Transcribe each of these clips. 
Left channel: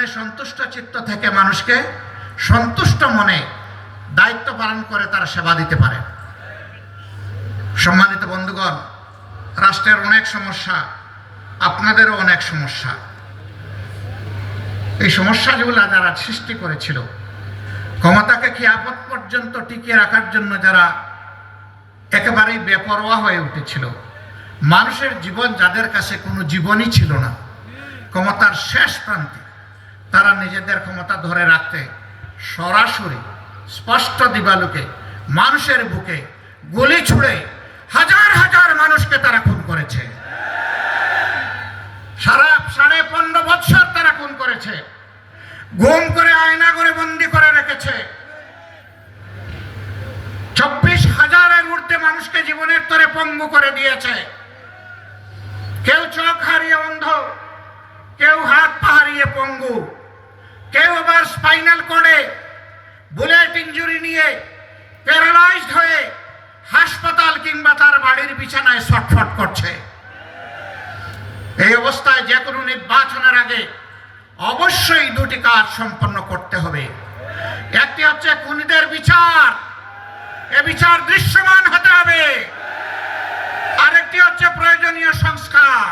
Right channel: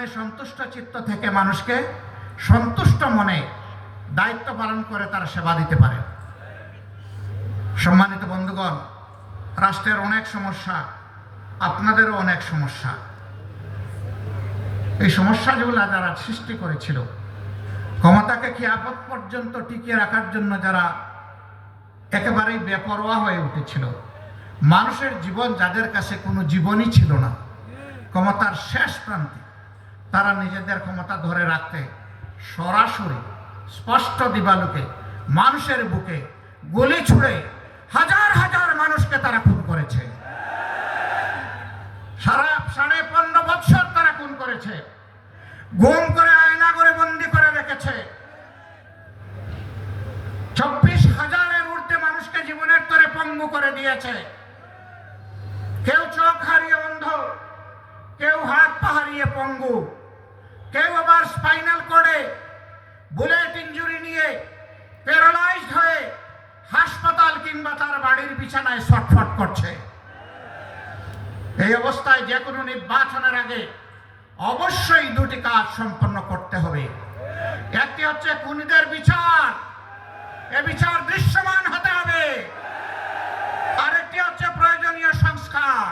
যেখানে সন্তুষ্ট চিত্ত থেকে মানুষকে সন্তুষ্ট মনে দায়িত্ব পালন করে তারা সেবা দিতে পারে। সম্মানিত বন্ধুগণ, রাষ্ট্রের অনেক সমস্যা, আপনাদেরও অনেক সমস্যা। এই সমস্যাগুলো যারা সৃষ্টি করেছিল, ক্ষমতাকে খিয়াপত পর্যন্ত টিকিয়ে রাখার জন্য যারা একেবারেই বেপরোয়া হয়ে উঠেছিল, মানুষের জীবন যাদের কাছে কোনো জীবনই ছিল না, ক্ষমতার শেষ প্রান্তে তারা নিজেদের ক্ষমতা ধরে রাখতে সরাসরি স্পষ্ট দিবালোকে মানুষের বুকে গুলি ছুড়ে হাজার হাজার মানুষকে তারা খুন করেছে। 15.5 বছর তারা খুন করেছে, গুম করে আয়না করে বন্দি করে রেখেছে। 24,000-এর ঊর্ধ্বে মানুষকে জীবনের তরে পঙ্গু করে দিয়েছে। কেউ চোখ হারিয়ে অন্ধ, কেউ হাত পা হারিয়ে পঙ্গু, কেউ আবার স্পাইনাল কর্ডে বুলেট ইনজুরি নিয়ে প্যারালাইজড হয়ে হাসপাতাল কিংবা তার বাড়ির বিছানায় ছটফট করছে। এই অবস্থায় যে কোনো নির্বাচনের আগে অবশ্যই দুটি কাজ সম্পন্ন করতে হবে। একটি হচ্ছে খুনিদের বিচার, এ বিচার দৃশ্যমান হতে হবে। আরেকটি হচ্ছে প্রয়োজনীয় সংস্কার।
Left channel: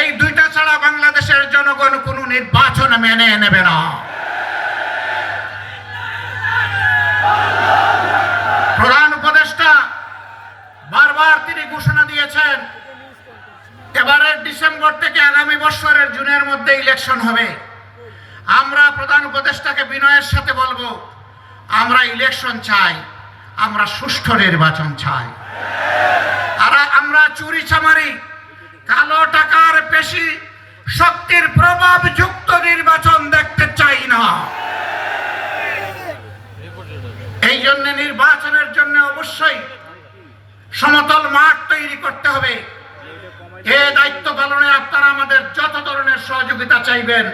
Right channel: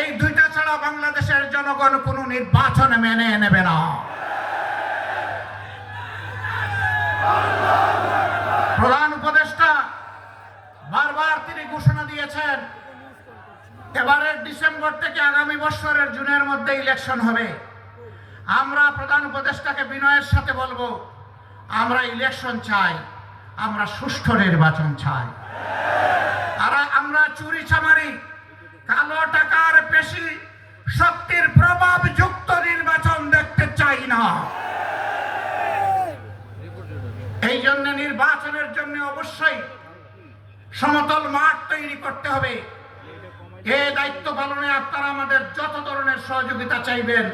এই দুইটা ছাড়া বাংলাদেশের জনগণ কোনো নির্বাচন মেনে নেবে না। প্রধান উপদেষ্টা বারবার তিনি ঘোষণা দিয়েছেন, এবারের ডিসেম্বর থেকে আগামী বছরের জুনের মধ্যে ইলেকশন হবে। আমরা প্রধান উপদেষ্টাকে বিনয়ের সাথে বলবো, আমরা ইলেকশন চাই, আমরা সুষ্ঠু নির্বাচন চাই। আর আমরা চুরি চামারি, কালো টাকার পেশি শক্তির প্রভাব যুক্ত নির্বাচন দেখতে চাই না। এই জন্য নির্বাচনের জন্য অবশ্যই সমতল মাঠ তৈরি করতে হবে। এই দায়িত্ব পালনে আপনারা আমাদের যত ধরনের সহযোগিতা চাইবেন,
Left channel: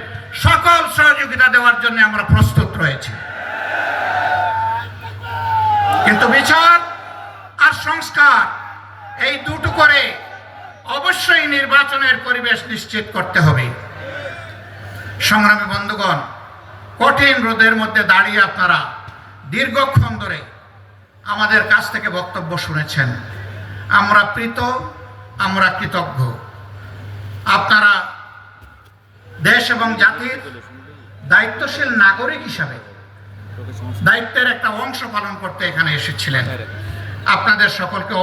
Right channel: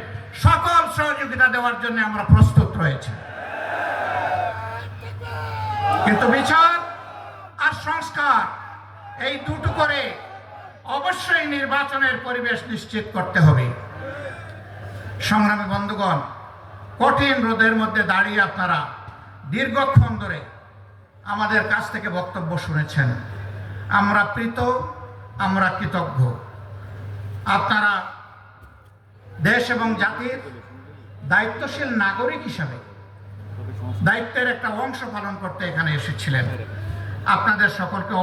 সকল সহযোগিতা দেওয়ার জন্য আমরা প্রস্তুত রয়েছি। কিন্তু বিচার আর সংস্কার এই দুটো করে অবশ্যই নির্বাচনের পরিবেশ নিশ্চিত করতে হবে। সংগ্রামী বন্ধুগণ, কঠিন রোদের মধ্যে দাঁড়িয়ে আপনারা দীর্ঘক্ষণ ধরে আমাদের কাছ থেকে বক্তব্য শুনেছেন। আমরা প্রীত, আমরা কৃতজ্ঞ। আপনারা দেশ এবং জাতির দায়িত্বশীল নাগরিক হিসাবে দায়িত্বের একটা অংশ পালন করতে এখানে এসেছিলেন। আপনাদের সকলকে